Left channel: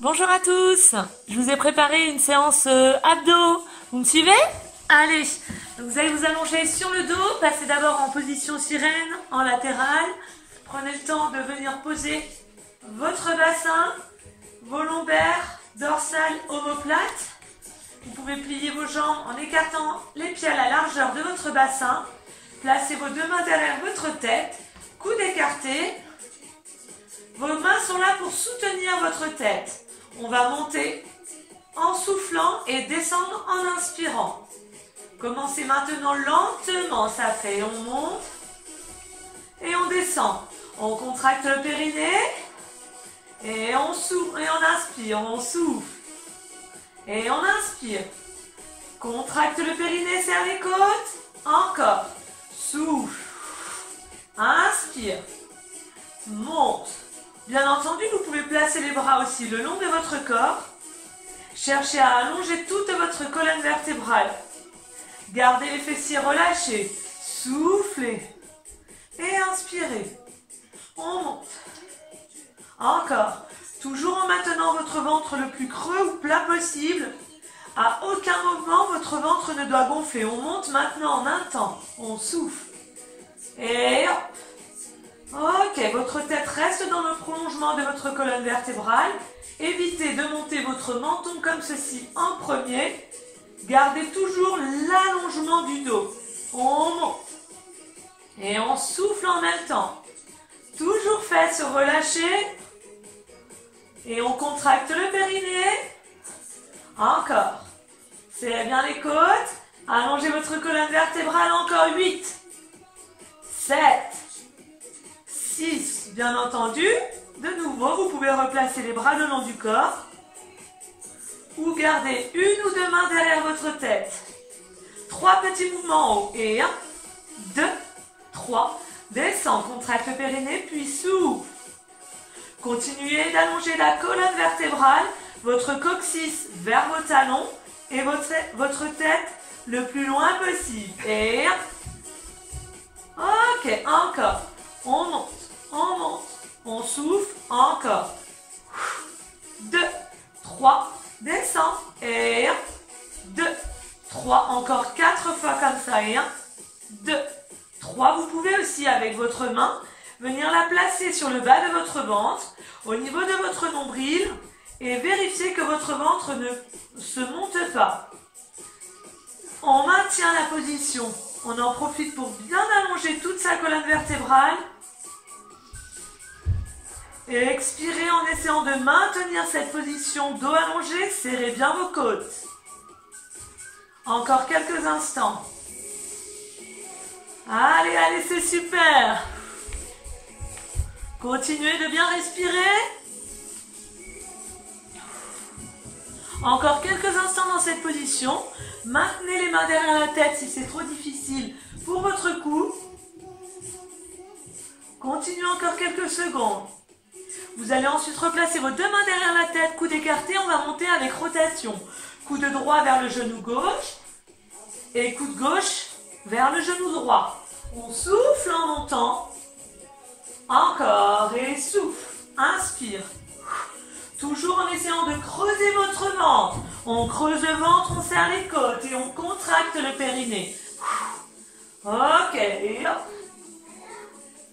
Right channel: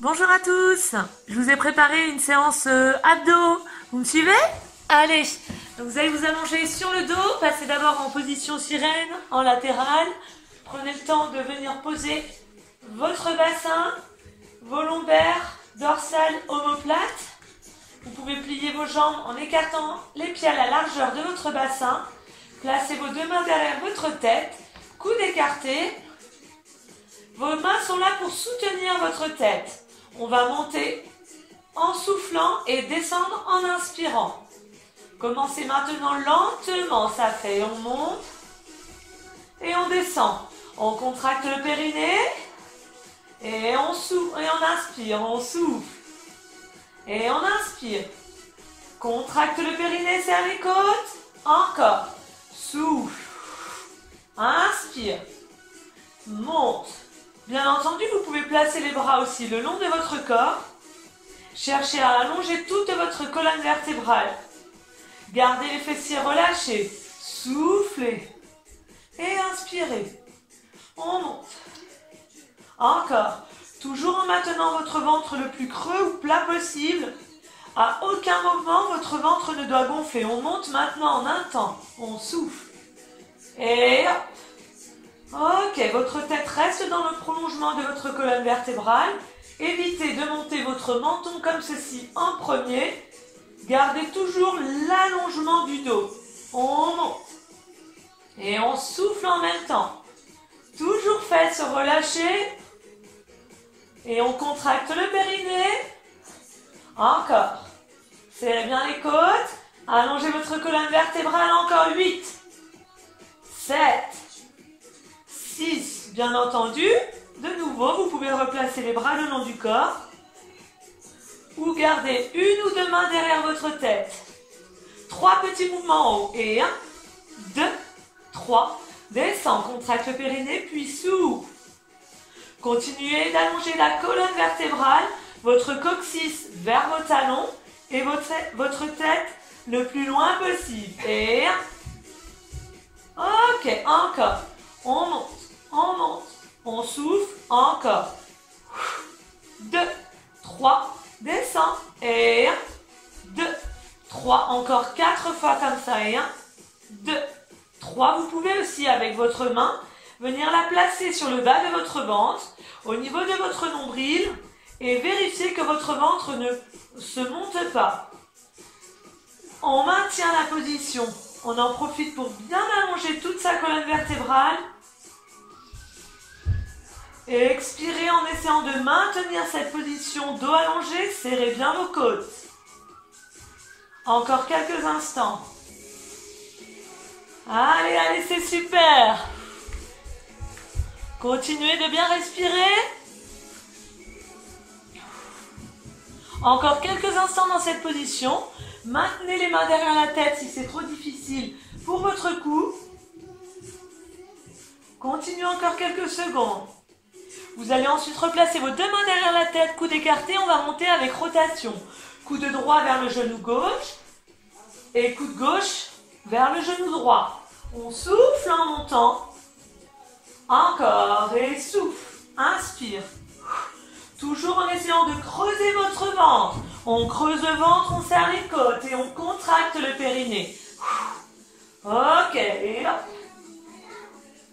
Bonjour à tous, je vous ai préparé une séance abdos, vous me suivez? Allez, donc vous allez vous allonger sur le dos, passez d'abord en position sirène, en latérale, prenez le temps de venir poser votre bassin, vos lombaires, dorsales, omoplates. Vous pouvez plier vos jambes en écartant les pieds à la largeur de votre bassin, placez vos deux mains derrière votre tête, coudes écartés. Vos mains sont là pour soutenir votre tête. On va monter en soufflant et descendre en inspirant. Commencez maintenant lentement, ça fait. On monte et on descend. On contracte le périnée et on souffle et on inspire. On souffle et on inspire. Contracte le périnée, serre les côtes. Encore. Souffle. Inspire. Monte. Bien entendu, vous pouvez placer les bras aussi le long de votre corps. Cherchez à allonger toute votre colonne vertébrale. Gardez les fessiers relâchés. Soufflez. Et inspirez. On monte. Encore. Toujours en maintenant votre ventre le plus creux ou plat possible. À aucun moment, votre ventre ne doit gonfler. On monte maintenant en un temps. On souffle. Et hop. Ok, votre tête reste dans le prolongement de votre colonne vertébrale. Évitez de monter votre menton comme ceci en premier. Gardez toujours l'allongement du dos. On monte. Et on souffle en même temps. Toujours fesses relâchées. Et on contracte le périnée. Encore. Serrez bien les côtes. Allongez votre colonne vertébrale. Encore 8. 7. 6, bien entendu. De nouveau, vous pouvez replacer les bras le long du corps ou garder une ou deux mains derrière votre tête. 3 petits mouvements en haut. Et 1, 2, 3. Descend, contracte le périnée, puis souffle. Continuez d'allonger la colonne vertébrale, votre coccyx vers vos talons et votre tête le plus loin possible. Et 1. Ok, encore. On monte. On monte, on souffle, encore. 2, 3, descend. Et 1, 2, 3, encore 4 fois comme ça. Et 1, 2, 3. Vous pouvez aussi, avec votre main, venir la placer sur le bas de votre ventre, au niveau de votre nombril, et vérifier que votre ventre ne se monte pas. On maintient la position. On en profite pour bien allonger toute sa colonne vertébrale. Et expirez en essayant de maintenir cette position dos allongé, serrez bien vos côtes. Encore quelques instants. Allez, allez, c'est super. Continuez de bien respirer. Encore quelques instants dans cette position. Maintenez les mains derrière la tête si c'est trop difficile pour votre cou. Continuez encore quelques secondes. Vous allez ensuite replacer vos deux mains derrière la tête, coude écarté. On va monter avec rotation. Coude droit vers le genou gauche et coude gauche vers le genou droit. On souffle en montant. Encore et souffle. Inspire. Toujours en essayant de creuser votre ventre. On creuse le ventre, on serre les côtes et on contracte le périnée. Ok, et hop.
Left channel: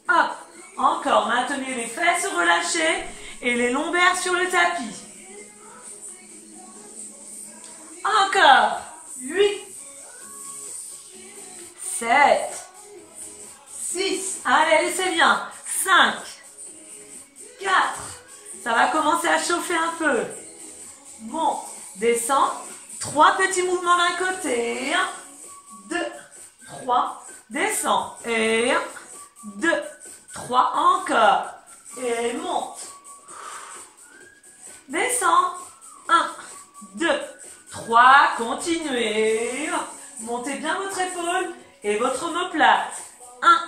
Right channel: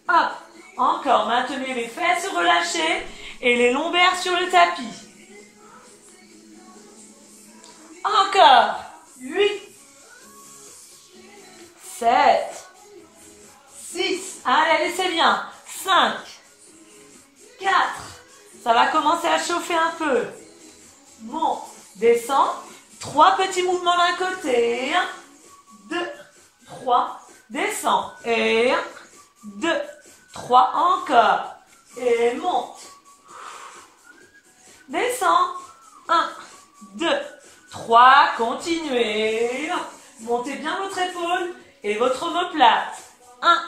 Hop. Encore, maintenez les fesses relâchées et les lombaires sur le tapis. Encore. 8, 7, 6. Allez, allez, c'est bien. 5, 4. Ça va commencer à chauffer un peu. Monte, descend. 3 petits mouvements d'un côté. 1, 2, 3. Descend. Et 1, 2, 3, encore. Et monte. Descend. 1, 2, 3. Continuez. Montez bien votre épaule et votre omoplate. 1,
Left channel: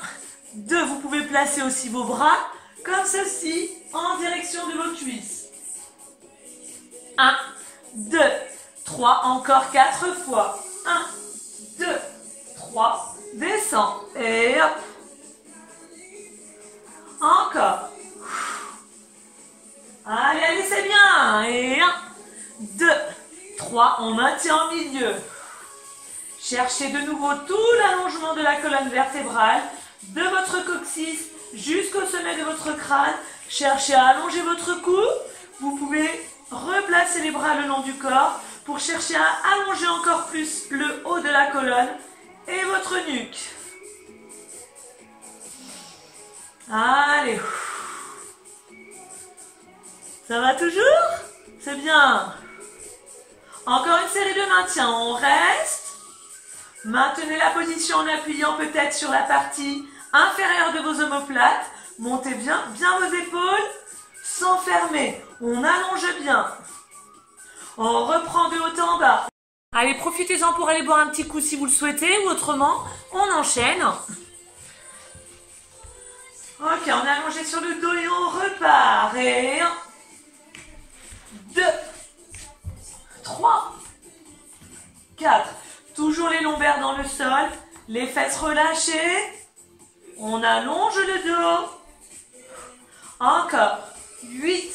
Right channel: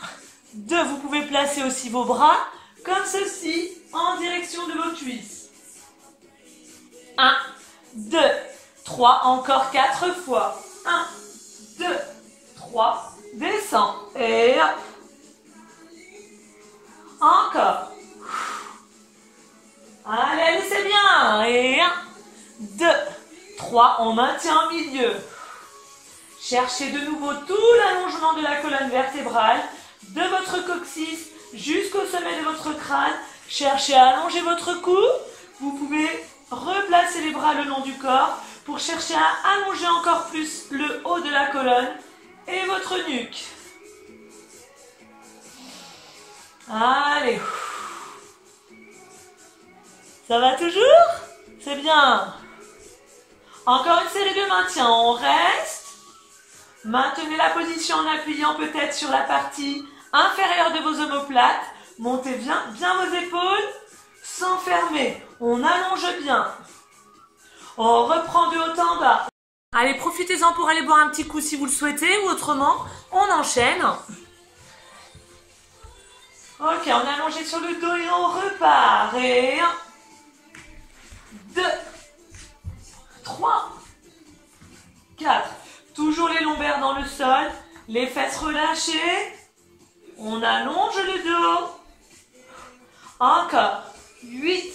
2. Vous pouvez placer aussi vos bras comme ceci en direction de vos cuisses. 1, 2, 3. Encore 4 fois. 1, 2, 3. Descend. Et hop. Encore. Allez, allez, c'est bien. Et 1, 2, 3. On maintient au milieu. Cherchez de nouveau tout l'allongement de la colonne vertébrale, de votre coccyx jusqu'au sommet de votre crâne. Cherchez à allonger votre cou. Vous pouvez replacer les bras le long du corps pour chercher à allonger encore plus le haut de la colonne et votre nuque. Allez. Ça va toujours? C'est bien. Encore une série de maintien. On reste. Maintenez la position en appuyant peut-être sur la partie inférieure de vos omoplates. Montez bien vos épaules sans fermer. On allonge bien. On reprend de haut en bas. Allez, profitez-en pour aller boire un petit coup si vous le souhaitez ou autrement, on enchaîne. Ok, on est allongé sur le dos et on repart. Et 1, 2, 3, 4. Toujours les lombaires dans le sol, les fesses relâchées. On allonge le dos. Encore. 8,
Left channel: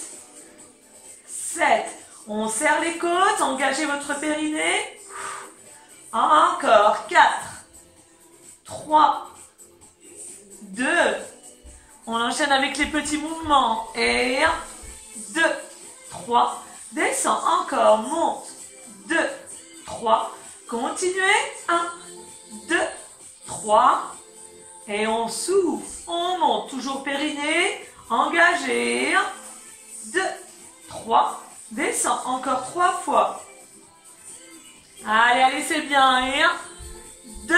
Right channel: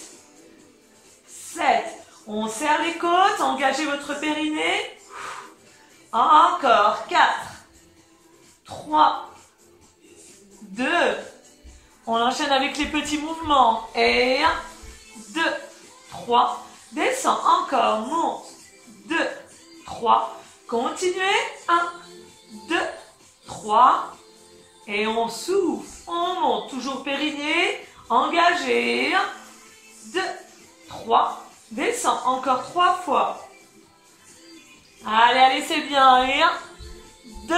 7. On serre les côtes, engagez votre périnée. Encore. 4, 3, 2. On enchaîne avec les petits mouvements. Et 1, 2, 3. Descend. Encore. Monte. 2, 3. Continuez. 1, 2, 3. Et on souffle. On monte. Toujours périnée. Engagé. 1, 2, 3. Descend. Encore 3 fois. Allez, allez, c'est bien. Et 1, 2,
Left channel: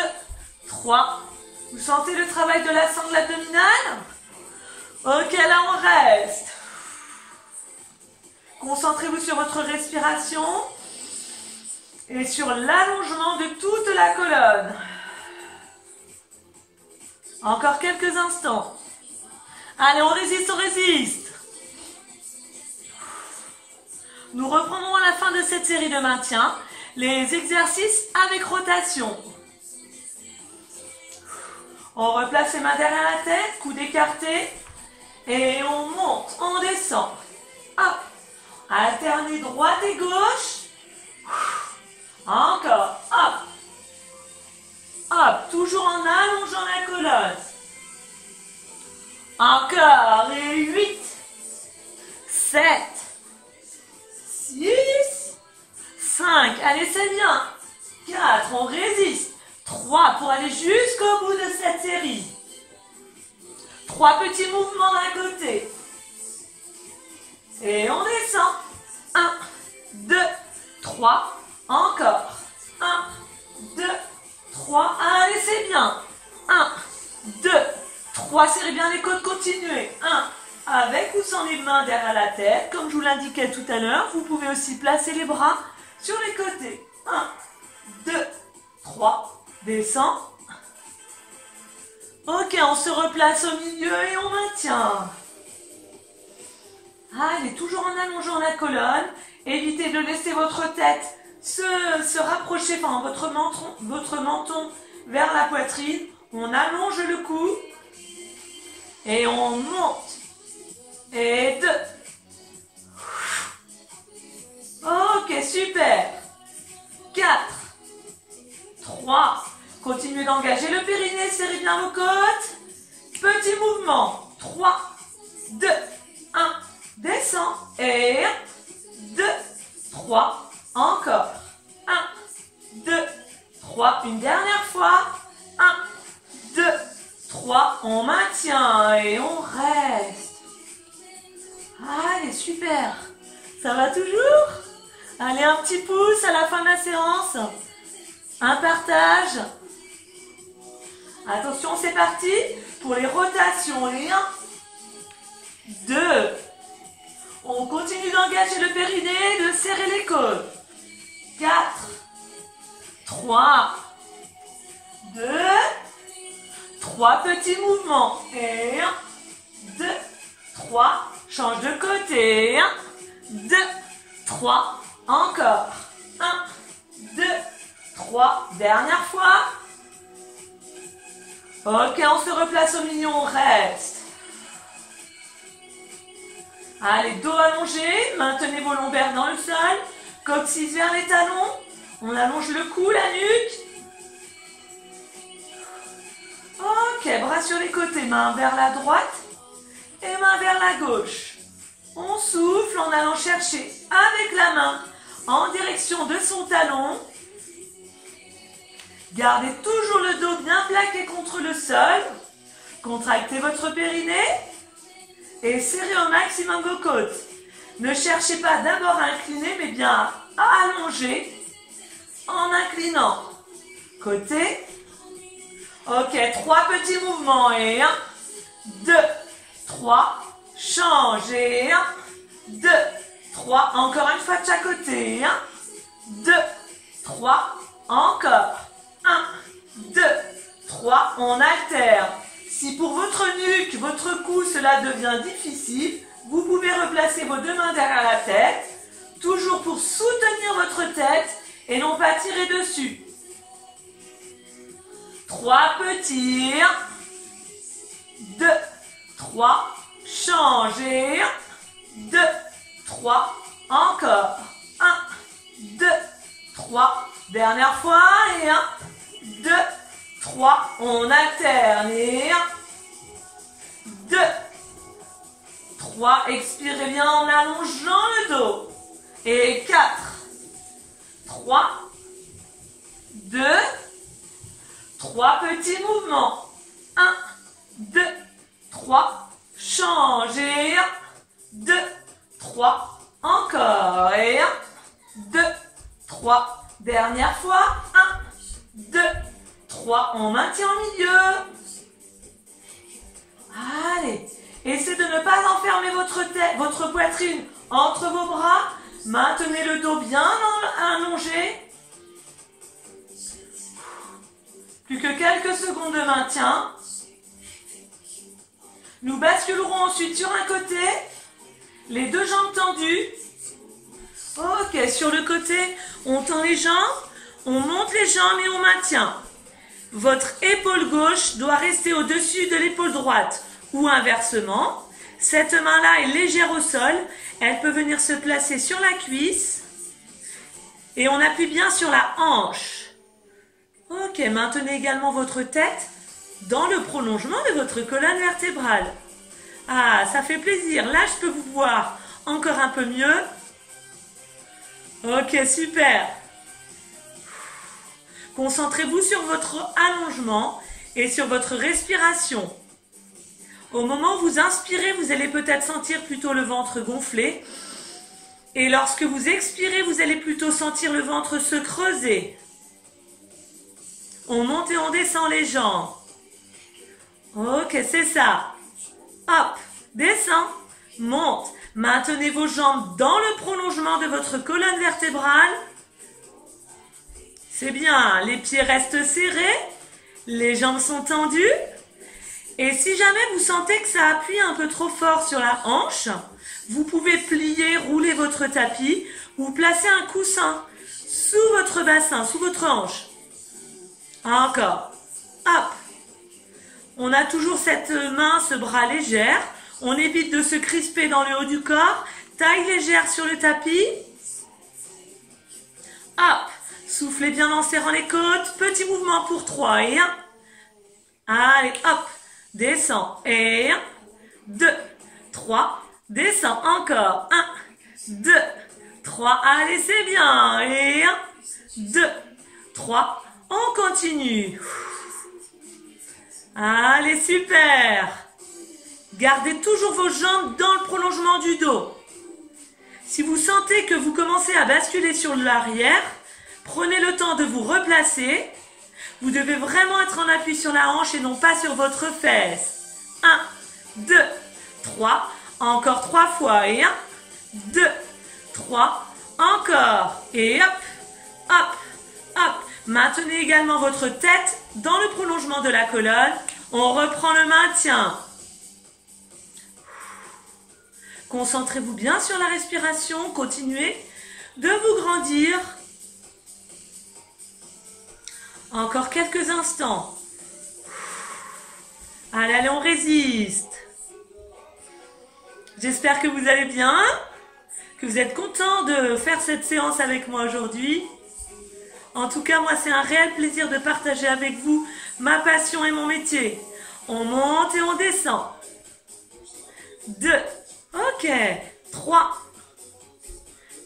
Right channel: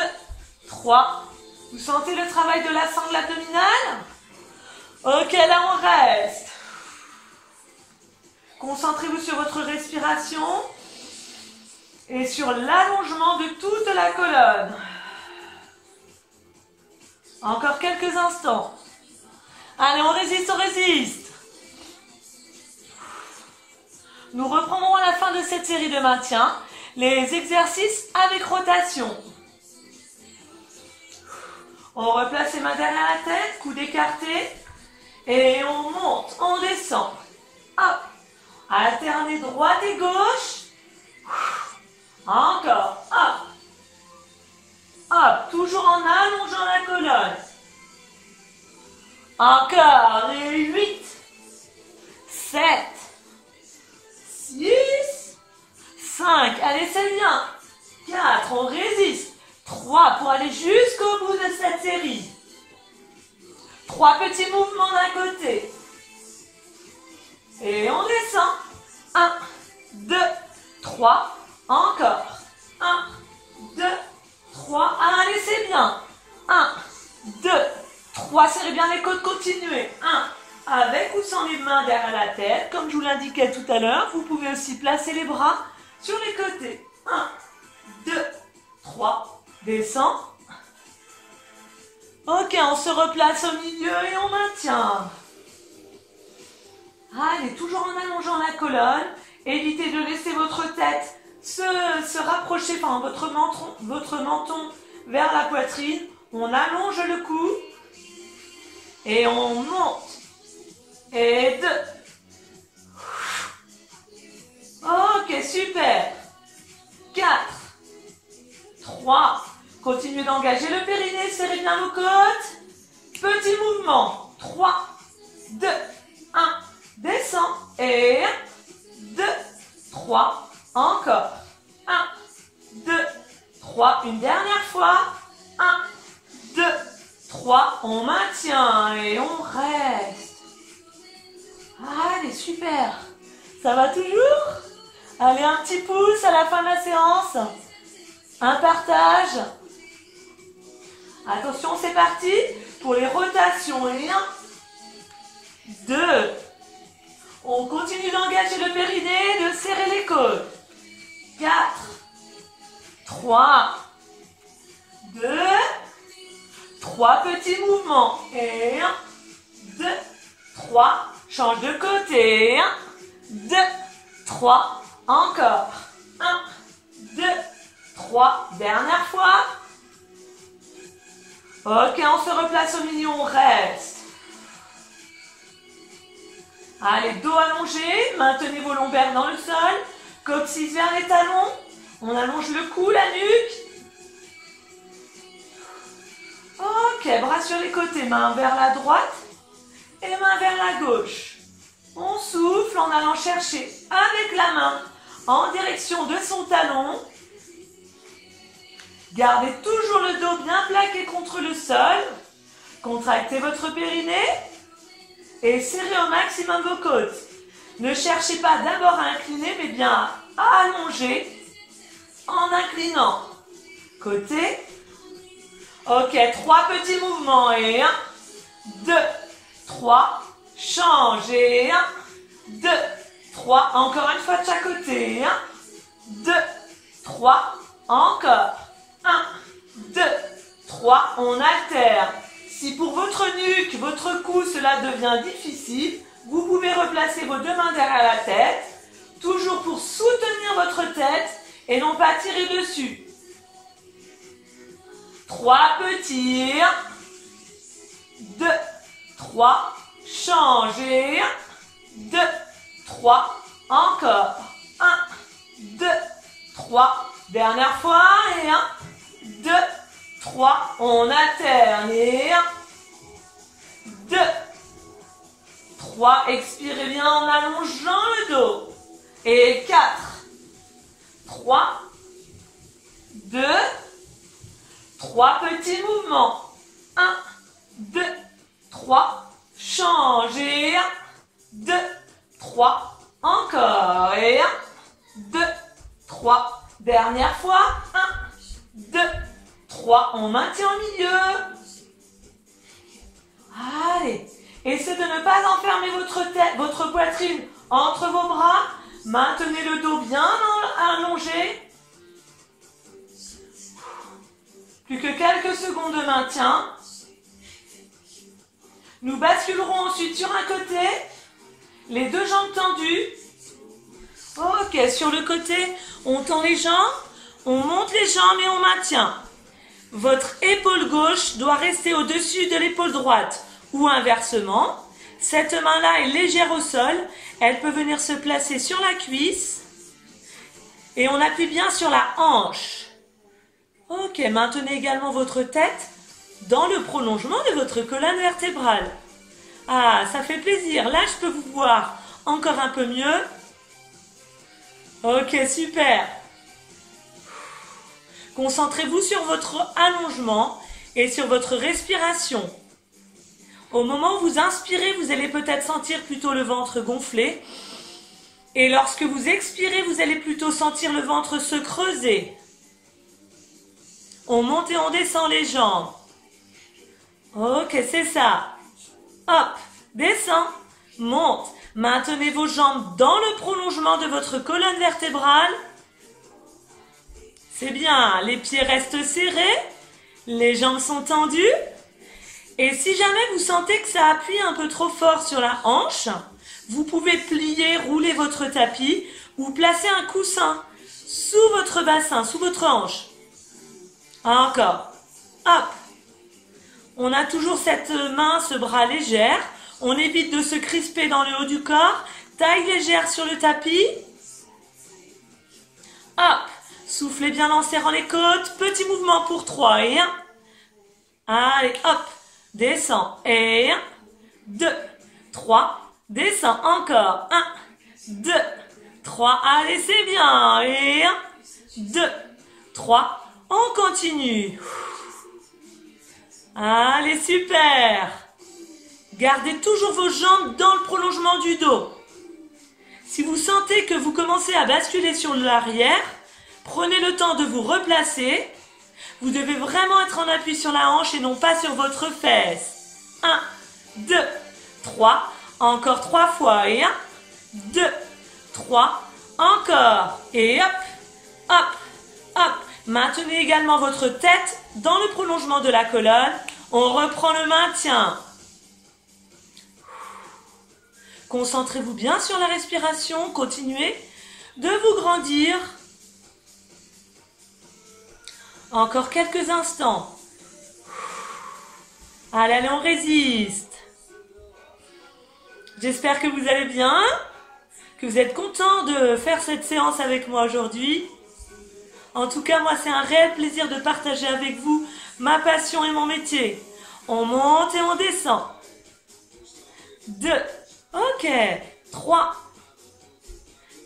3. Vous sentez le travail de la sangle abdominale? Ok, là on reste. Concentrez-vous sur votre respiration et sur l'allongement de toute la colonne. Encore quelques instants. Allez, on résiste, on résiste. Nous reprendrons à la fin de cette série de maintien les exercices avec rotation. On replace les mains derrière la tête, coude écarté. Et on monte, on descend. Hop. Alternez droite et gauche. Encore. Hop. Hop. Toujours en allongeant la colonne. Encore. Et 8, 7, 6, 5. Allez, c'est bien. 4. On résiste. 3 pour aller jusqu'au bout de cette série. 3 petits mouvements d'un côté. Et on descend. 1, 2, 3. Encore. 1, 2, 3. Allez, c'est bien. 1, 2, 3. Serrez bien les côtes, continuez. 1, avec ou sans les mains derrière la tête. Comme je vous l'indiquais tout à l'heure, vous pouvez aussi placer les bras sur les côtés. 1, 2, 3. Descend. Ok, on se replace au milieu et on maintient. Allez, toujours en allongeant la colonne. Évitez de laisser votre tête se rapprocher, enfin votre menton vers la poitrine. On allonge le cou. Et on monte. Et 2. Ok, super. 4. 3. Continuez d'engager le périnée, serrez bien vos côtes. Petit mouvement. 3, 2, 1. Descend. Et 1, 2, 3. Encore. 1, 2, 3. Une dernière fois. 1, 2, 3. On maintient et on reste. Allez, super. Ça va toujours? Allez, un petit pouce à la fin de la séance. Un partage. Attention, c'est parti pour les rotations. Et 1, 2. On continue d'engager le périnée, de serrer les côtes. 4, 3, 2, 3 petits mouvements. Et 1, 2, 3. Change de côté. 1, 2, 3. Encore. 1, 2, 3. Dernière fois. Ok, on se replace au milieu, on reste. Allez, dos allongé, maintenez vos lombaires dans le sol, coccyx vers les talons, on allonge le cou, la nuque. Ok, bras sur les côtés, main vers la droite et main vers la gauche. On souffle en allant chercher avec la main en direction de son talon. Gardez toujours le dos bien plaqué contre le sol. Contractez votre périnée et serrez au maximum vos côtes. Ne cherchez pas d'abord à incliner, mais bien à allonger en inclinant. Côté. Ok, 3 petits mouvements. Et 1, 2, 3. Change. Et 1, 2, 3. Encore une fois de chaque côté. 1, 2, 3. Encore. 1, 2, 3. On alterne. Si pour votre nuque, votre cou, cela devient difficile, vous pouvez replacer vos deux mains derrière la tête, toujours pour soutenir votre tête et non pas tirer dessus. 3 petits. 2, 3. Changez. 2, 3. Encore. 1, 2, 3. Dernière fois. Et 1, 2, 3. On alterne. Et 1, 2, 3. Expirez bien en allongeant le dos. Et 4, 3, 2, 3 petits mouvements. 1, 2, 3. Changez. 1, 2, 3. Encore. Et 1, 2, 3. Dernière fois. 1, 2, 3. On maintient au milieu. Allez. Essayez de ne pas enfermer votre poitrine entre vos bras. Maintenez le dos bien allongé. Plus que quelques secondes de maintien. Nous basculerons ensuite sur un côté. Les deux jambes tendues. Ok, sur le côté, on tend les jambes. On monte les jambes et on maintient. Votre épaule gauche doit rester au-dessus de l'épaule droite. Ou inversement. Cette main-là est légère au sol. Elle peut venir se placer sur la cuisse. Et on appuie bien sur la hanche. Ok, maintenez également votre tête dans le prolongement de votre colonne vertébrale. Ah, ça fait plaisir. Là, je peux vous voir encore un peu mieux. Ok, super. Concentrez-vous sur votre allongement et sur votre respiration. Au moment où vous inspirez, vous allez peut-être sentir plutôt le ventre gonfler. Et lorsque vous expirez, vous allez plutôt sentir le ventre se creuser. On monte et on descend les jambes. Ok, c'est ça. Hop, descend, monte. Maintenez vos jambes dans le prolongement de votre colonne vertébrale. C'est bien, les pieds restent serrés. Les jambes sont tendues. Et si jamais vous sentez que ça appuie un peu trop fort sur la hanche, vous pouvez plier, rouler votre tapis ou placer un coussin sous votre bassin, sous votre hanche. Encore. Hop. On a toujours cette main, ce bras légère. On évite de se crisper dans le haut du corps. Taille légère sur le tapis. Hop. Soufflez bien en serrant les côtes. Petit mouvement pour 3 et 1. Allez, hop. Descends. Et 1, 2, 3. Descends encore. 1, 2, 3. Allez, c'est bien. Et 1, 2, 3. On continue. Allez, super. Gardez toujours vos jambes dans le prolongement du dos. Si vous sentez que vous commencez à basculer sur l'arrière, prenez le temps de vous replacer. Vous devez vraiment être en appui sur la hanche et non pas sur votre fesse. 1, 2, 3. Encore 3 fois. Et 1, 2, 3. Encore. Et hop, hop, hop. Maintenez également votre tête dans le prolongement de la colonne. On reprend le maintien. Concentrez-vous bien sur la respiration. Continuez de vous grandir. Encore quelques instants. Allez, allez, on résiste. J'espère que vous allez bien, que vous êtes contents de faire cette séance avec moi aujourd'hui. En tout cas, moi, c'est un réel plaisir de partager avec vous ma passion et mon métier. On monte et on descend. 2. Ok. 3.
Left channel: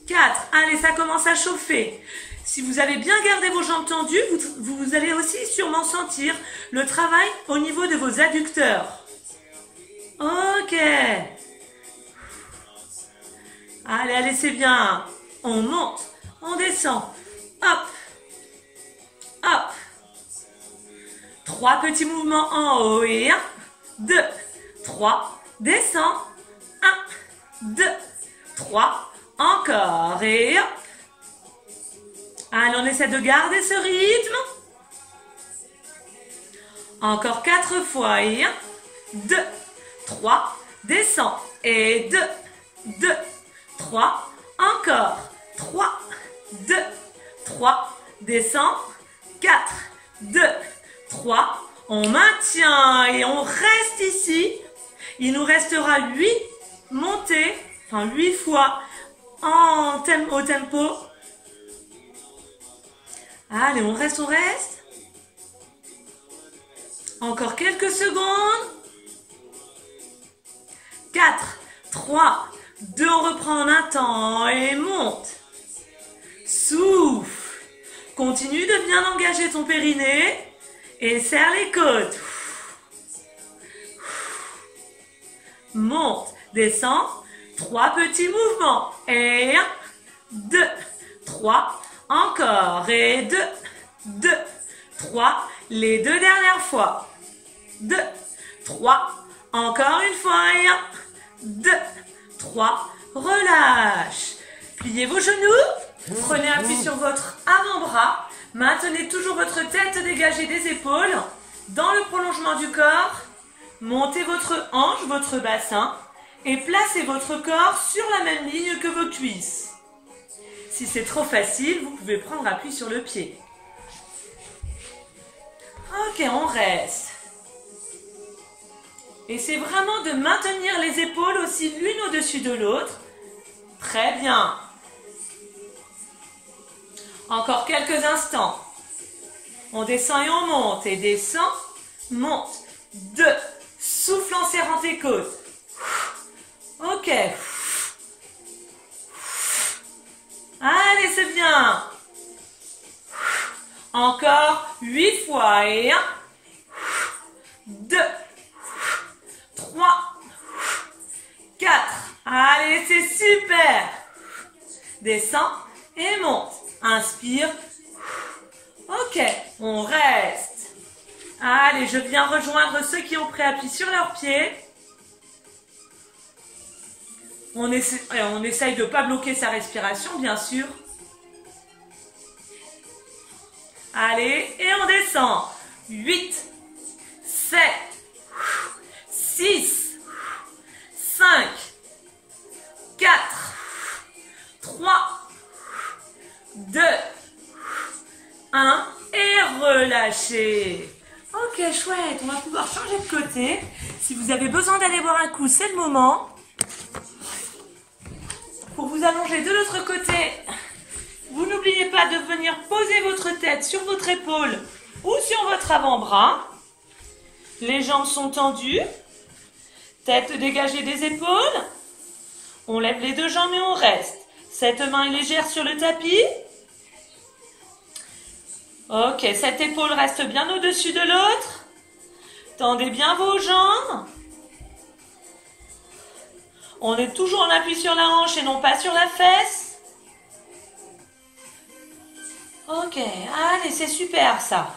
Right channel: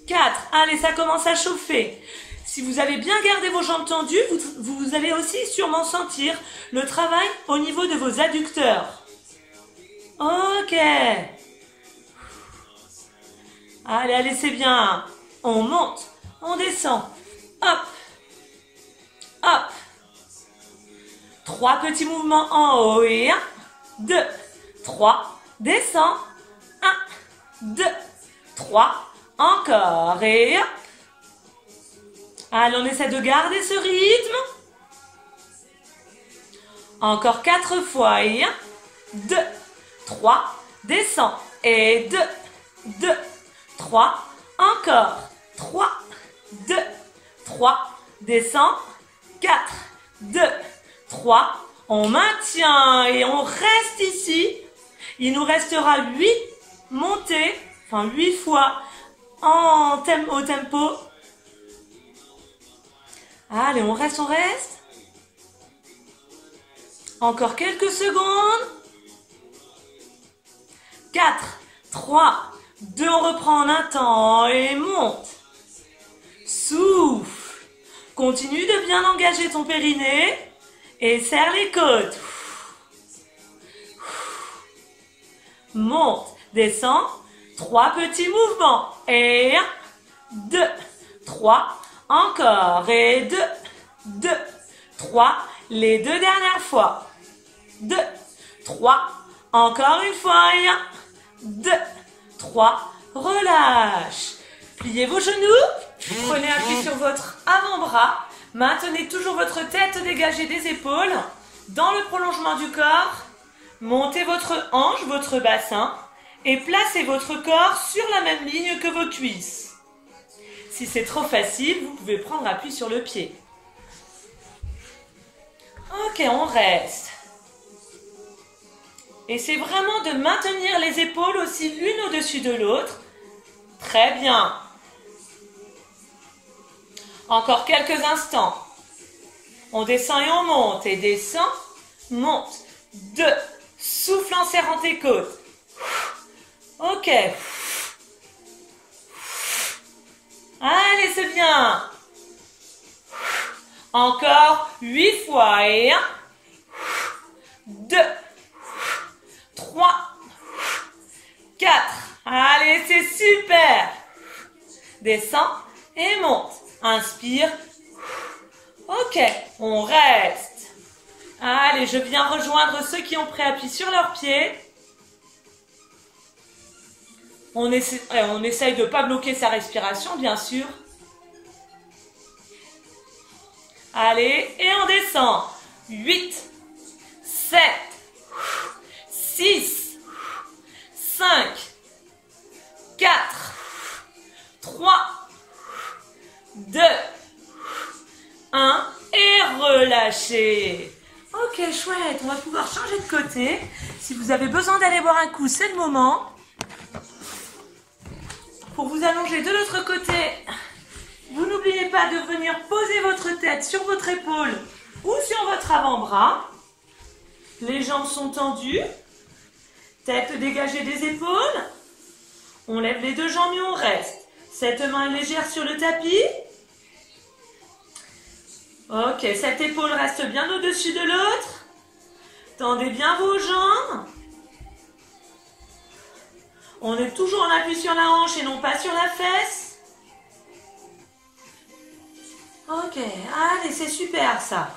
4. Allez, ça commence à chauffer. Si vous avez bien gardé vos jambes tendues, vous allez aussi sûrement sentir le travail au niveau de vos adducteurs. Ok. Allez, allez, c'est bien. On monte, on descend. Hop. Hop. 3 petits mouvements en haut et 1, 2, 3. Descend. 1, 2, 3. Encore et 1. Allez, on essaie de garder ce rythme. Encore 4 fois et 1, 2, 3. Descend et 2, 2, 3. Encore 3, 2, 3. Descend. 4, 2, 3. On maintient et on reste ici. Il nous restera 8 montées, enfin 8 fois au tempo. Allez, on reste, on reste. Encore quelques secondes. 4, 3, 2, on reprend en un temps et monte. Souffle. Continue de bien engager ton périnée et serre les côtes. Monte, descend. 3 petits mouvements. Et 1, 2, 3. Encore. Et 2, 2, 3. Les 2 dernières fois. 2, 3. Encore une fois. Et 1, 2, 3. Relâche. Pliez vos genoux. Prenez appui sur votre avant-bras. Maintenez toujours votre tête dégagée des épaules. Dans le prolongement du corps. Montez votre hanche, votre bassin. Et placez votre corps sur la même ligne que vos cuisses. Si c'est trop facile, vous pouvez prendre appui sur le pied. Ok, on reste. Essayez vraiment de maintenir les épaules aussi l'une au-dessus de l'autre. Très bien. Encore quelques instants. On descend et on monte. Et descend, monte. 2. Souffle en serrant tes côtes. Ok. Allez, c'est bien. Encore 8 fois. Et 1, 2, 3, 4. Allez, c'est super. Descends et monte. Inspire. Ok, on reste. Allez, je viens rejoindre ceux qui ont pris appui sur leurs pieds. On essaye de ne pas bloquer sa respiration, bien sûr. Allez, et on descend. 8, 7, 6, 5, 4, 3, 2, 1. Et relâchez. Ok, chouette. On va pouvoir changer de côté. Si vous avez besoin d'aller boire un coup, c'est le moment. Pour vous allonger de l'autre côté, vous n'oubliez pas de venir poser votre tête sur votre épaule ou sur votre avant-bras. Les jambes sont tendues, tête dégagée des épaules. On lève les 2 jambes et on reste. Cette main est légère sur le tapis. Ok, cette épaule reste bien au-dessus de l'autre. Tendez bien vos jambes. On est toujours en appui sur la hanche et non pas sur la fesse. Ok, allez, c'est super ça.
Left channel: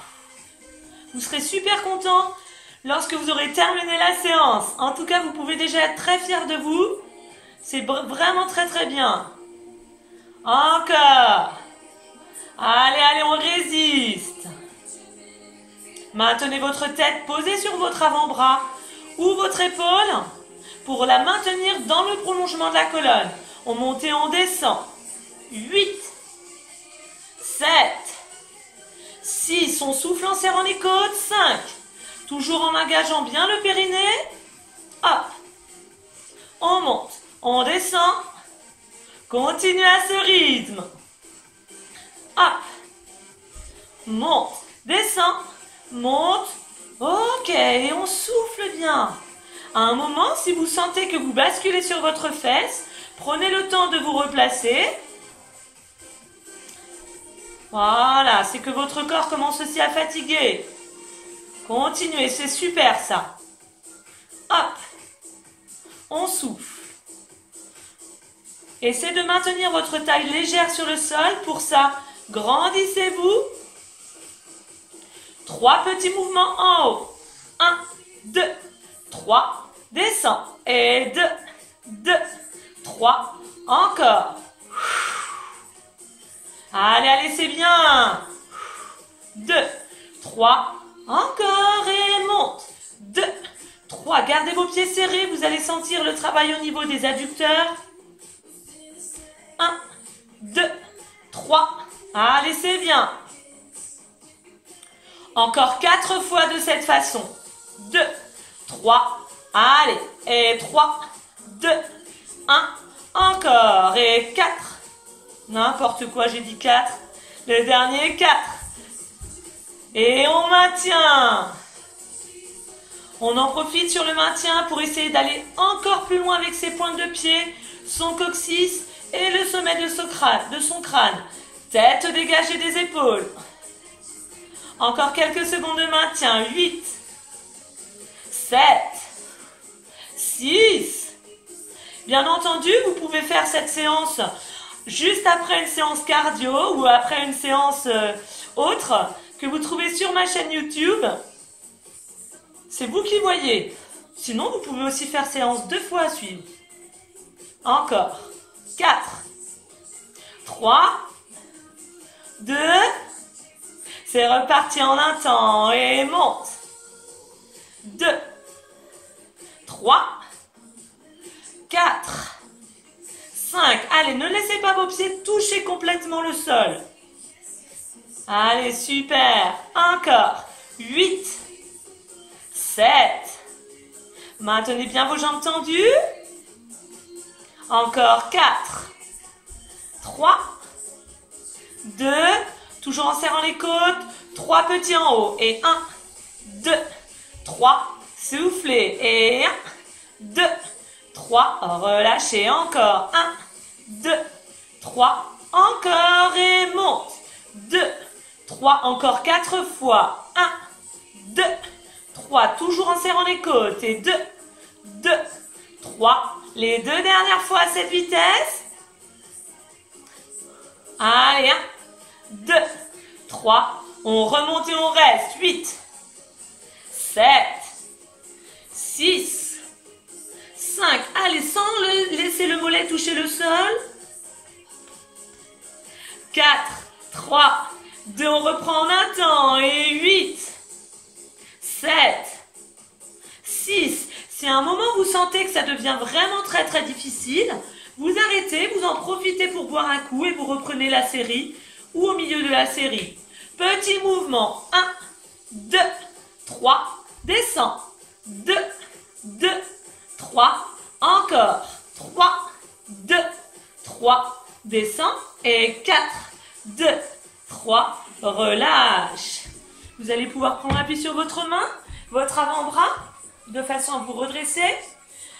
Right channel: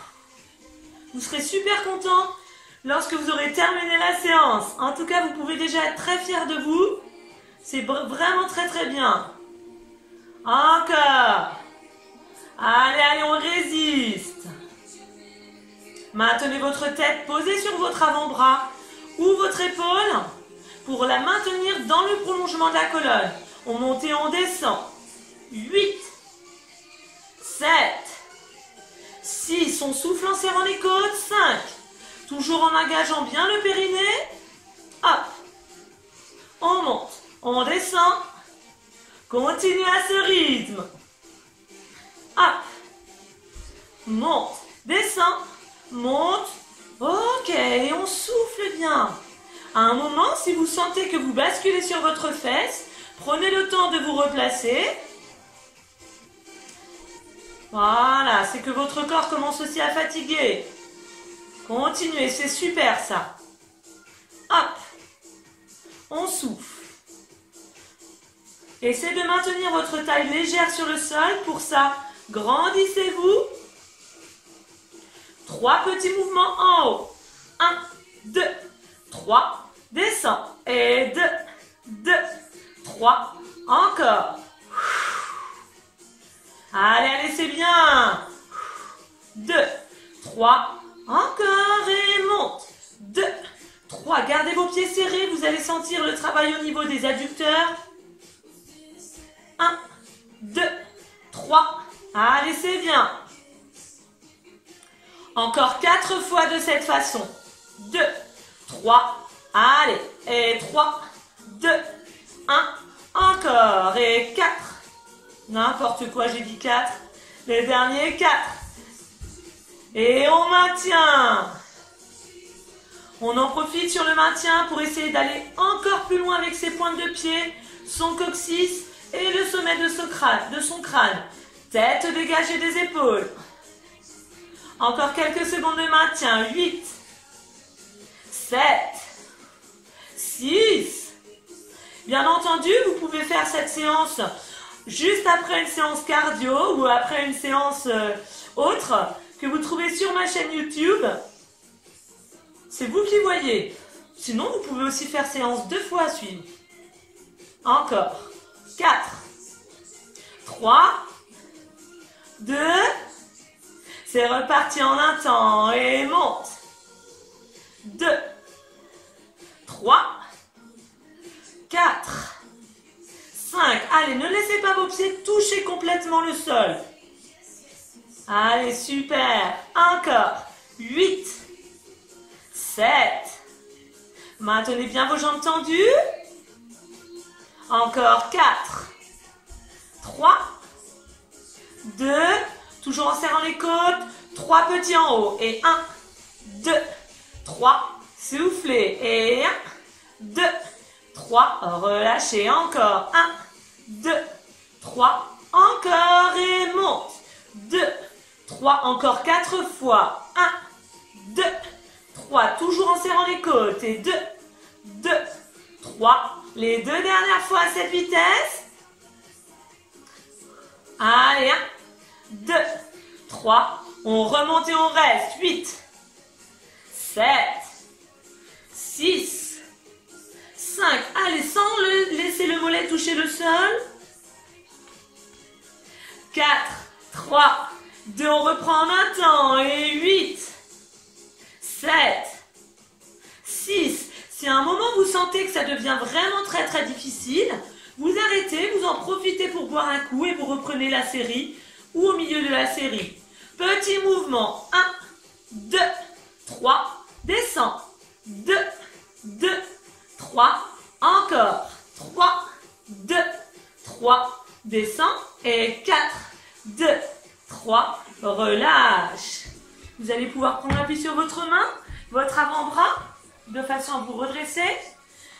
Vous serez super content lorsque vous aurez terminé la séance. En tout cas, vous pouvez déjà être très fiers de vous. C'est vraiment très très bien. Encore. Allez, allez, on résiste. Maintenez votre tête posée sur votre avant-bras ou votre épaule pour la maintenir dans le prolongement de la colonne. On monte et on descend. 8, 7, 6, on souffle en serrant les côtes. 5, toujours en engageant bien le périnée. Hop. on monte, on descend. Continuez à ce rythme. Hop. Monte, descend, monte. Ok, et on souffle bien. À un moment, si vous sentez que vous basculez sur votre fesse, prenez le temps de vous replacer. Voilà, c'est que votre corps commence aussi à fatiguer. Continuez, c'est super ça. Hop, on souffle. Essayez de maintenir votre taille légère sur le sol. Pour ça, grandissez-vous. 3 petits mouvements en haut. 1, 2, 3. Descends. Et 2, 2, 3. Encore. Allez, allez, c'est bien. 2, 3. Encore et monte. 2, 3. Gardez vos pieds serrés. Vous allez sentir le travail au niveau des adducteurs. 1, 2, 3. Allez, c'est bien. Encore 4 fois de cette façon. 2, 3. Allez. Et 3, 2, 1. Encore. Et 4. N'importe quoi, j'ai dit 4. Le dernier, 4. Et on maintient. On en profite sur le maintien pour essayer d'aller encore plus loin avec ses pointes de pied, son coccyx et le sommet de son crâne. Tête dégagée des épaules. Encore quelques secondes de maintien. 8, 7, 6. Bien entendu, vous pouvez faire cette séance juste après une séance cardio ou après une séance autre que vous trouvez sur ma chaîne YouTube. C'est vous qui voyez. Sinon, vous pouvez aussi faire séance 2 fois à suivre. Encore. 4, 3, 2. C'est reparti en un temps et monte. 2, 3, 4, 5. Allez, ne laissez pas vos pieds toucher complètement le sol. Allez, super. Encore. 8, 7. Maintenez bien vos jambes tendues. Encore 4, 3, 2. Toujours en serrant les côtes. 3 petits en haut. Et 1, 2, 3. Soufflez. Et 1, 2, 3. Relâchez. Encore. 1, 2, 3. Encore. Et monte. 2, 3. Encore 4 fois. 1, 2, 3. Toujours en serrant les côtes. Et 2, 2, 3. Les 2 dernières fois à cette vitesse. Allez, 1, 2, 3. On remonte et on reste. 8, 7, 6, 5. Allez, sans laisser le mollet toucher le sol. 4, 3, 2. On reprend en un temps. Et 8, 7, 6. Si à un moment vous sentez que ça devient vraiment très très difficile, vous arrêtez, vous en profitez pour boire un coup et vous reprenez la série ou au milieu de la série. Petit mouvement. 1, 2, 3. Descends. 2, 2, 3. Encore. 3, 2, 3. Descends. Et 4, 2, 3. Relâche. Vous allez pouvoir prendre appui sur votre main, votre avant-bras, de façon à vous redresser.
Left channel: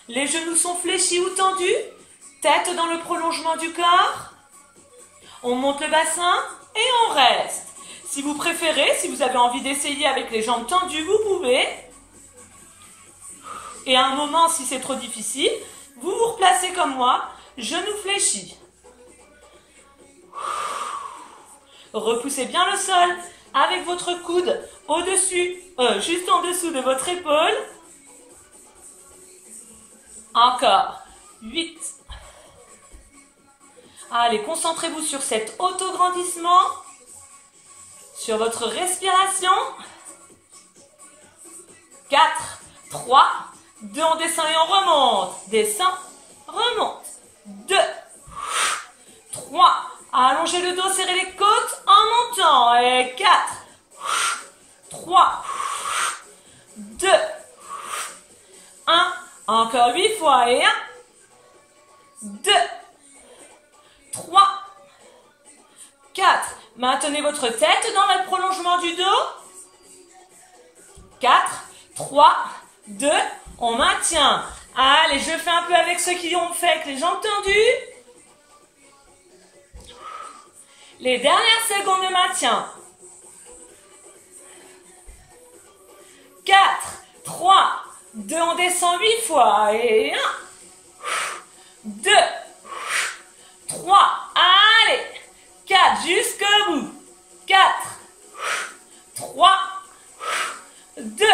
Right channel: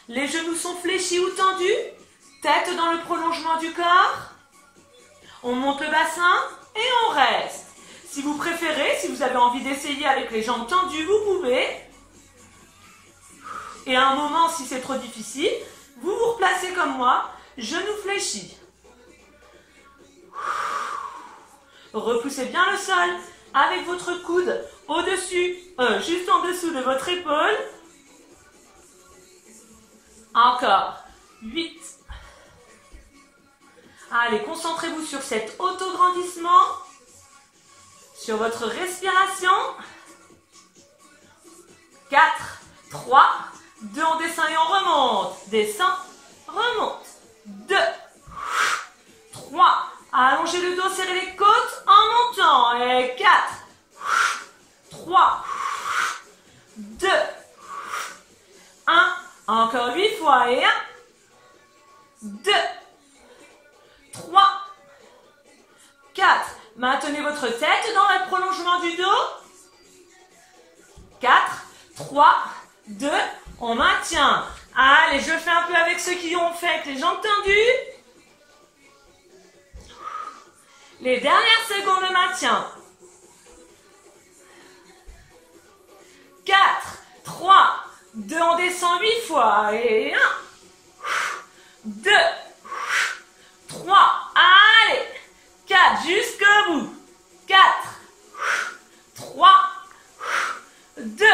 Les genoux sont fléchis ou tendus. Tête dans le prolongement du corps. On monte le bassin et on reste. Si vous préférez, si vous avez envie d'essayer avec les jambes tendues, vous pouvez. Et à un moment, si c'est trop difficile, vous vous replacez comme moi, genoux fléchis. Repoussez bien le sol avec votre coude au-dessus, juste en dessous de votre épaule. Encore. 8. Allez, concentrez-vous sur cet autograndissement, sur votre respiration. 4, 3, 2, on descend et on remonte. Descend, remonte. 2, 3, allongez le dos, serrez les côtes en montant. Et 4, 3, 2, 1. Encore 8 fois. Et 1, 2, 3, 4. Maintenez votre tête dans le prolongement du dos. 4, 3, 2, on maintient. Allez, je fais un peu avec ceux qui ont fait avec les jambes tendues. Les dernières secondes de maintien. 4, 3, 2, on descend 8 fois. Et 1, 2, 3, allez. 4, jusqu'au bout. 4, 3, 2,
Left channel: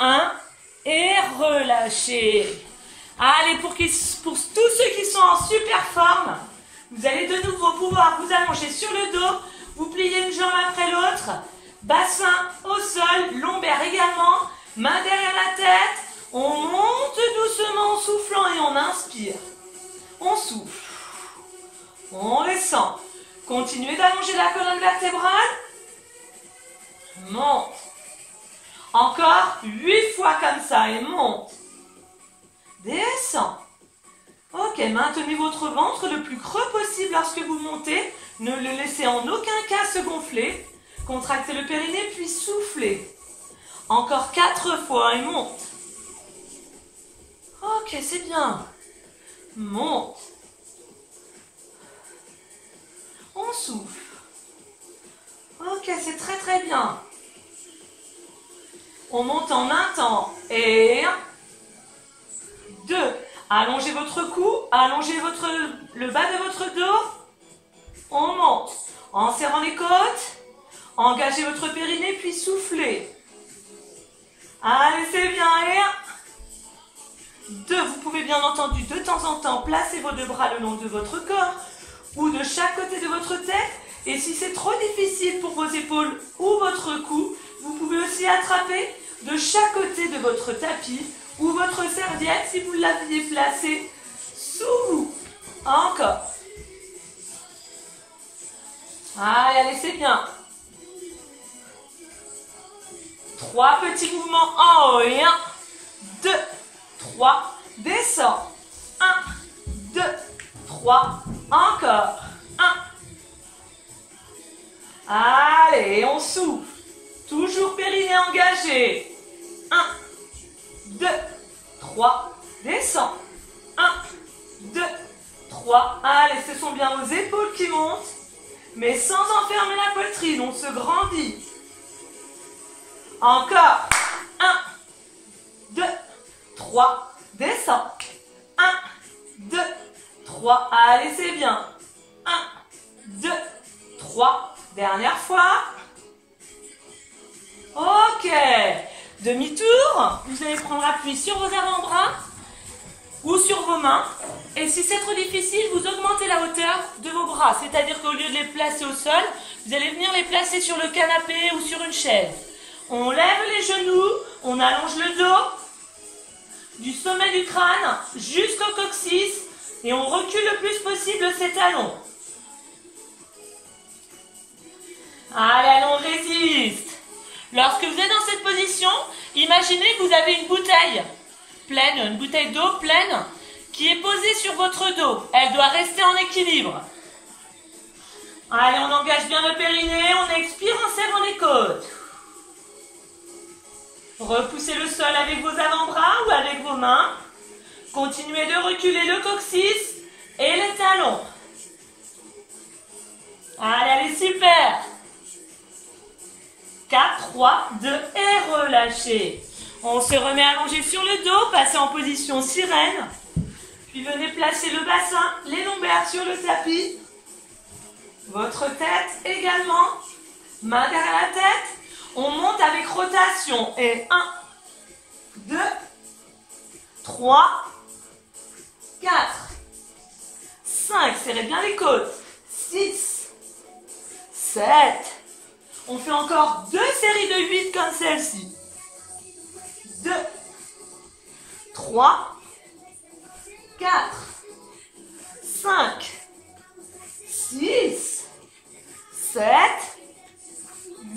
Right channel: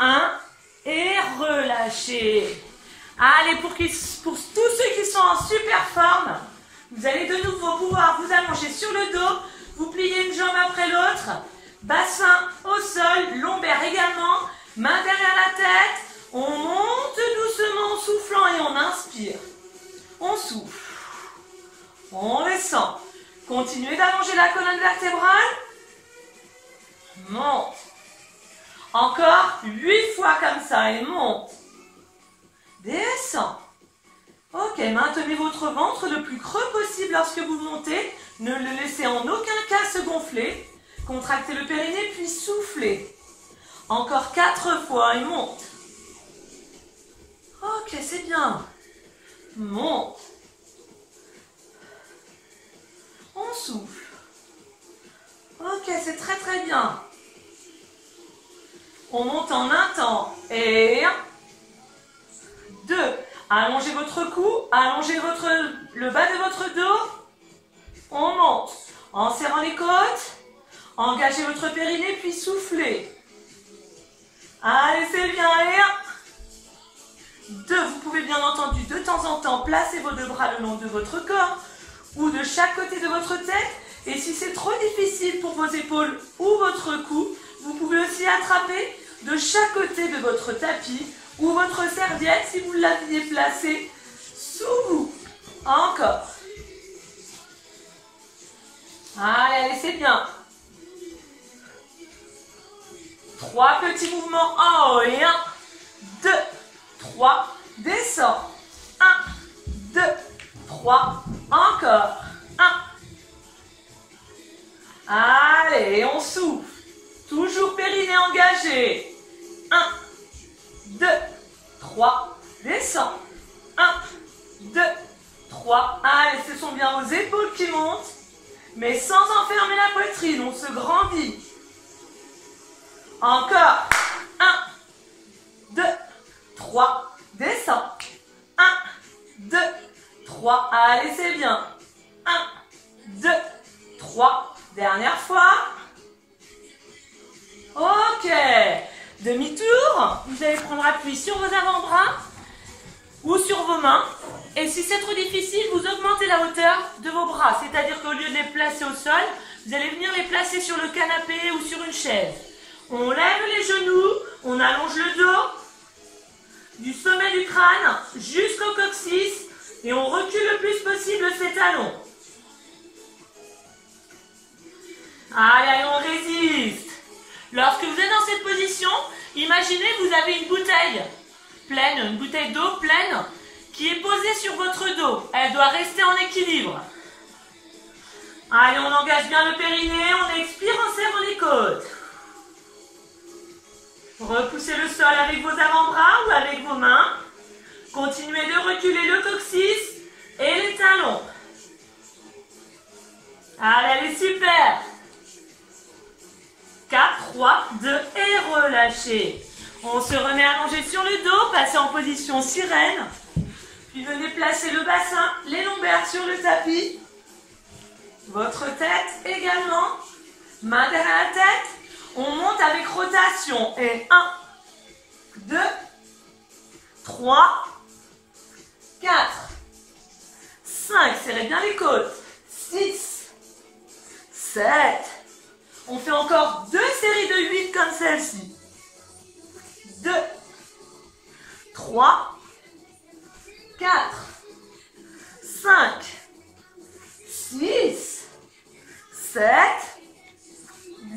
1. Et relâchez. Allez, pour tous ceux qui sont en super forme, vous allez de nouveau pouvoir vous allonger sur le dos, vous pliez une jambe après l'autre, bassin au sol, lombaire également, main derrière la tête, on monte doucement en soufflant et on inspire. On souffle. On descend. Continuez d'allonger la colonne vertébrale. Monte. Encore 8 fois comme ça et monte. Descend. Ok, maintenez votre ventre le plus creux possible lorsque vous montez. Ne le laissez en aucun cas se gonfler. Contractez le périnée puis soufflez. Encore 4 fois et monte. Ok, c'est bien. Monte. On souffle. Ok, c'est très très bien. On monte en un temps. Et 1, 2. Allongez votre cou, allongez le bas de votre dos. On monte en serrant les côtes. Engagez votre périnée puis soufflez. Allez, c'est bien. Et 1, 2. Vous pouvez bien entendu de temps en temps placer vos deux bras le long de votre corps ou de chaque côté de votre tête. Et si c'est trop difficile pour vos épaules ou votre cou, vous pouvez aussi attraper de chaque côté de votre tapis ou votre serviette si vous l'aviez placée sous vous. Encore. Allez, c'est bien. 3 petits mouvements en haut et 1, 2, 3, descend. 1, 2, 3, encore. 1. Allez, on souffle. Toujours périnée engagé. 1, 2, 3, descend. 1, 2, 3. Allez, ce sont bien vos épaules qui montent, mais sans enfermer la poitrine, on se grandit. Encore. 1, 2, 3, descend. 1, 2, 3. Allez, c'est bien. 1, 2, 3. Dernière fois. Ok. Demi-tour. Vous allez prendre appui sur vos avant-bras ou sur vos mains. Et si c'est trop difficile, vous augmentez la hauteur de vos bras. C'est-à-dire qu'au lieu de les placer au sol, vous allez venir les placer sur le canapé ou sur une chaise. On lève les genoux, on allonge le dos du sommet du crâne jusqu'au coccyx et on recule le plus possible ses talons. Allez, on résiste. Lorsque vous êtes dans cette position, imaginez que vous avez une bouteille pleine, une bouteille d'eau pleine qui est posée sur votre dos. Elle doit rester en équilibre. Allez, on engage bien le périnée, on expire en serrant les côtes. Repoussez le sol avec vos avant-bras ou avec vos mains. Continuez de reculer le coccyx et les talons. Allez, allez, super. 4, 3, 2 et relâchez. On se remet allongé sur le dos, passez en position sirène. Puis venez placer le bassin, les lombaires sur le tapis. Votre tête également. Main derrière la tête. On monte avec rotation. Et 1, 2, 3, 4, 5. Serrez bien les côtes. 6, 7. On fait encore 2 séries de 8 comme celle-ci. 2, 3, 4, 5, 6, 7,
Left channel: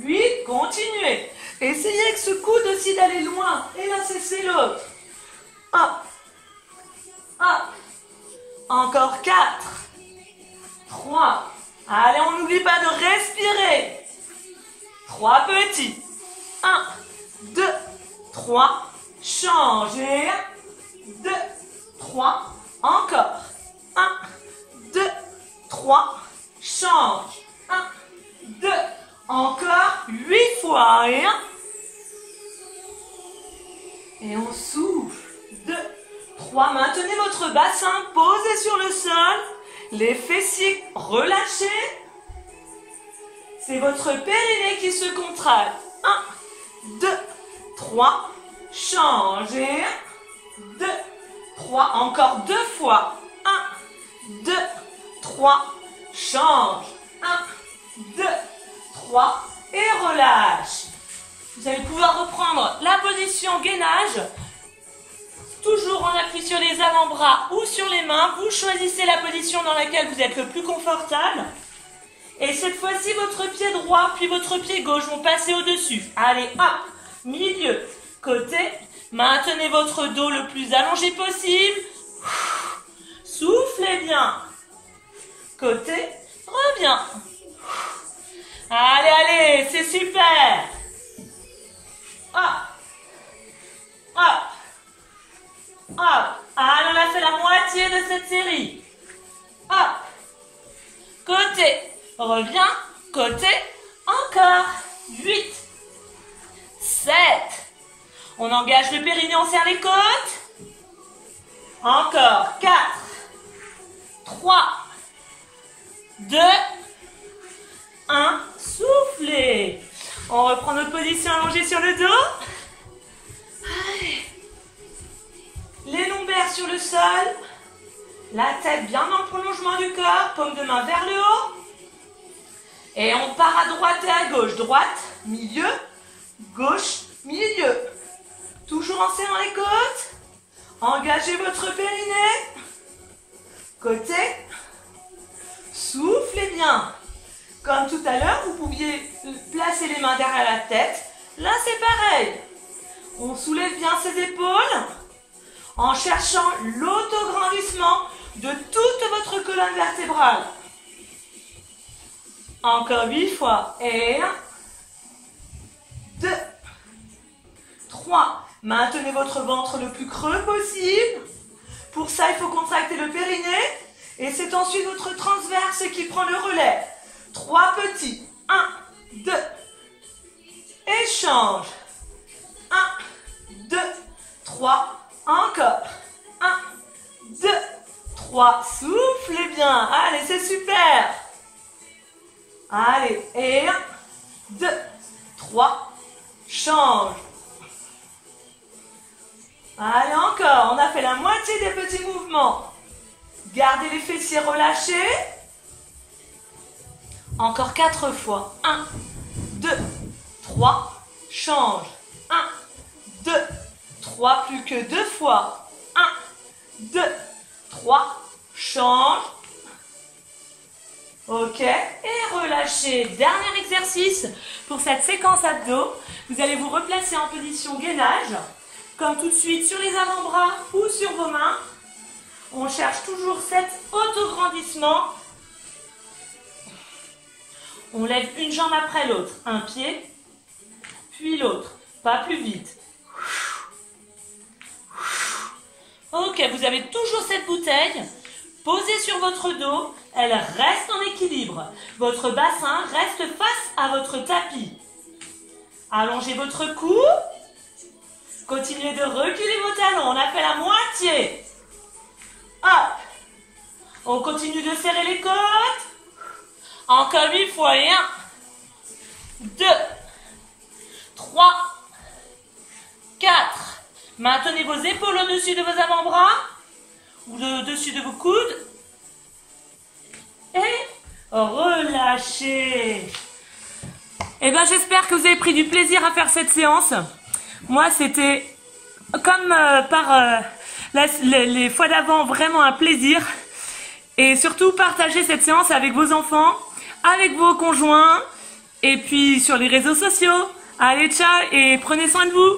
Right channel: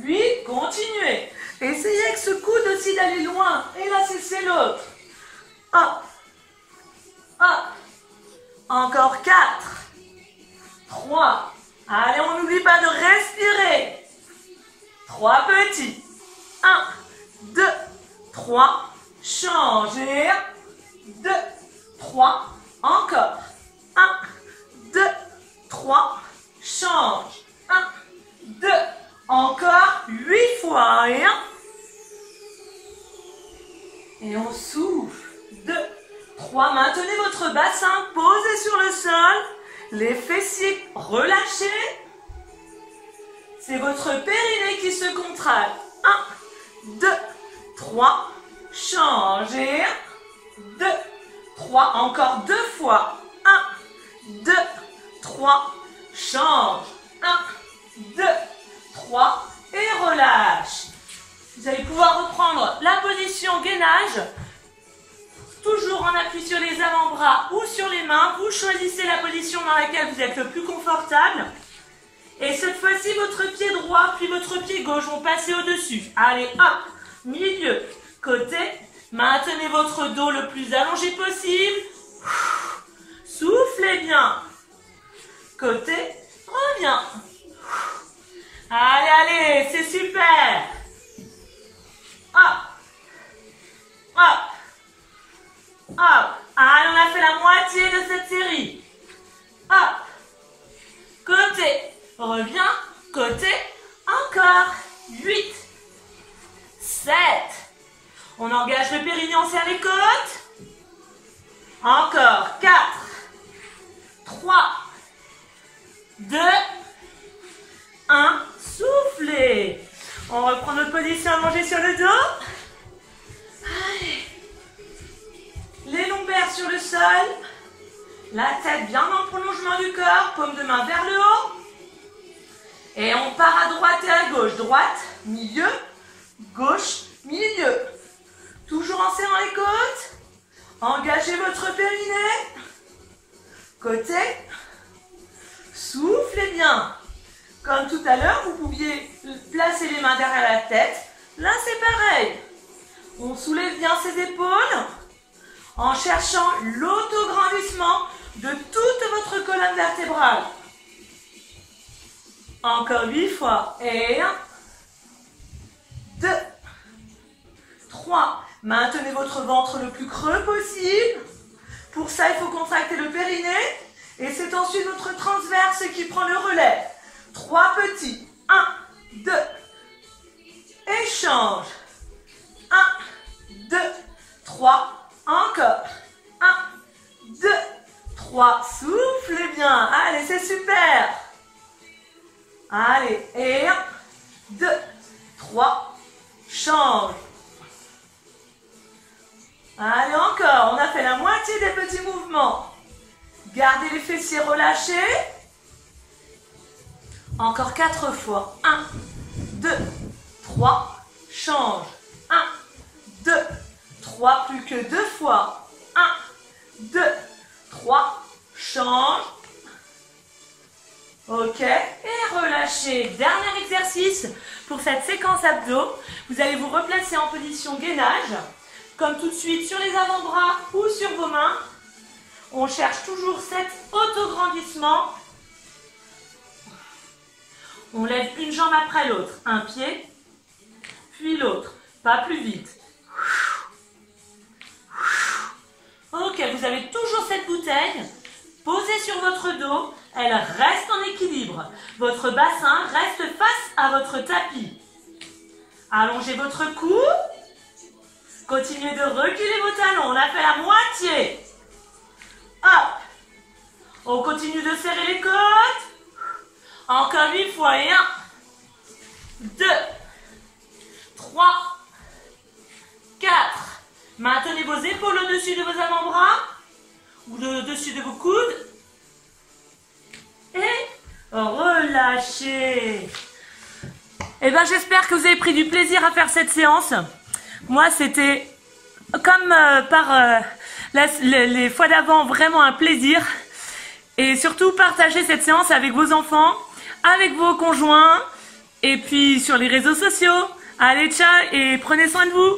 8. Continuez. Essayez avec ce coude aussi d'aller loin. Et là, c'est l'autre. 1, 1, Encore 4, 3. Allez, on n'oublie pas de respirer. 3 petits. 1, 2, 3. Changez. 2, 3. Encore. 1, 2, 3. Change. 1, 2. Encore 8 fois. Et 1. Et on souffle. 2, 3. Maintenez votre bassin posé sur le sol. Les fessiers relâchés. C'est votre périnée qui se contracte. 1, 2, 3. Changez. 2, 3. Encore 2 fois. 1, 2, 3. Change. 1, 2, 3. Et relâche. Vous allez pouvoir reprendre la position gainage. Toujours en appui sur les avant-bras ou sur les mains. Vous choisissez la position dans laquelle vous êtes le plus confortable. Et cette fois-ci, votre pied droit puis votre pied gauche vont passer au-dessus. Allez, hop, milieu, côté. Maintenez votre dos le plus allongé possible. Soufflez bien. Côté, reviens. Allez, allez, c'est super. Hop, hop, hop. Allez, on a fait la moitié de cette série. Hop, côté, reviens, côté, encore. 8, 7. On engage le périnée, on serre les côtes. Encore. 4, 3, 2, 1. Soufflez. On reprend notre position allongée sur le dos. Allez. Les lombaires sur le sol. La tête bien dans le prolongement du corps. Paume de main vers le haut. Et on part à droite et à gauche. Droite, milieu, gauche, milieu. Toujours en serrant les côtes. Engagez votre périnée. Côté. Soufflez bien. Comme tout à l'heure, vous pouviez placer les mains derrière la tête. Là, c'est pareil. On soulève bien ses épaules en cherchant l'autograndissement de toute votre colonne vertébrale. Encore 8 fois. Et 1, 2, 3. Maintenez votre ventre le plus creux possible. Pour ça, il faut contracter le périnée. Et c'est ensuite votre transverse qui prend le relais. 3 petits. 1, 2. Échange. 1, 2, 3. Encore. 1, 2, 3. Soufflez bien. Allez, c'est super. Allez. Et 1, 2, 3. Change. Allez, encore. On a fait la moitié des petits mouvements. Gardez les fessiers relâchés. Encore 4 fois. 1, 2, 3. Change. 1, 2, 3. Plus que 2 fois. 1, 2, 3. Change. Ok. Et relâchez. Dernier exercice pour cette séquence abdos. Vous allez vous replacer en position gainage. Comme tout de suite sur les avant-bras ou sur vos mains. On cherche toujours cet autograndissement. On lève une jambe après l'autre. Un pied, puis l'autre. Pas plus vite. Ok, vous avez toujours cette bouteille posée sur votre dos. Elle reste en équilibre. Votre bassin reste face à votre tapis. Allongez votre cou. Continuez de reculer vos talons. On a fait la moitié. Hop. On continue de serrer les côtes. Encore 8 fois. Et 1, 2, 3, 4. Maintenez vos épaules au-dessus de vos avant-bras ou au-dessus de vos coudes. Et relâchez. Eh bien, j'espère que vous avez pris du plaisir à faire cette séance. Moi, c'était comme les fois d'avant, vraiment un plaisir. Et surtout, partagez cette séance avec vos enfants, avec vos conjoints, et puis sur les réseaux sociaux. Allez, ciao et prenez soin de vous.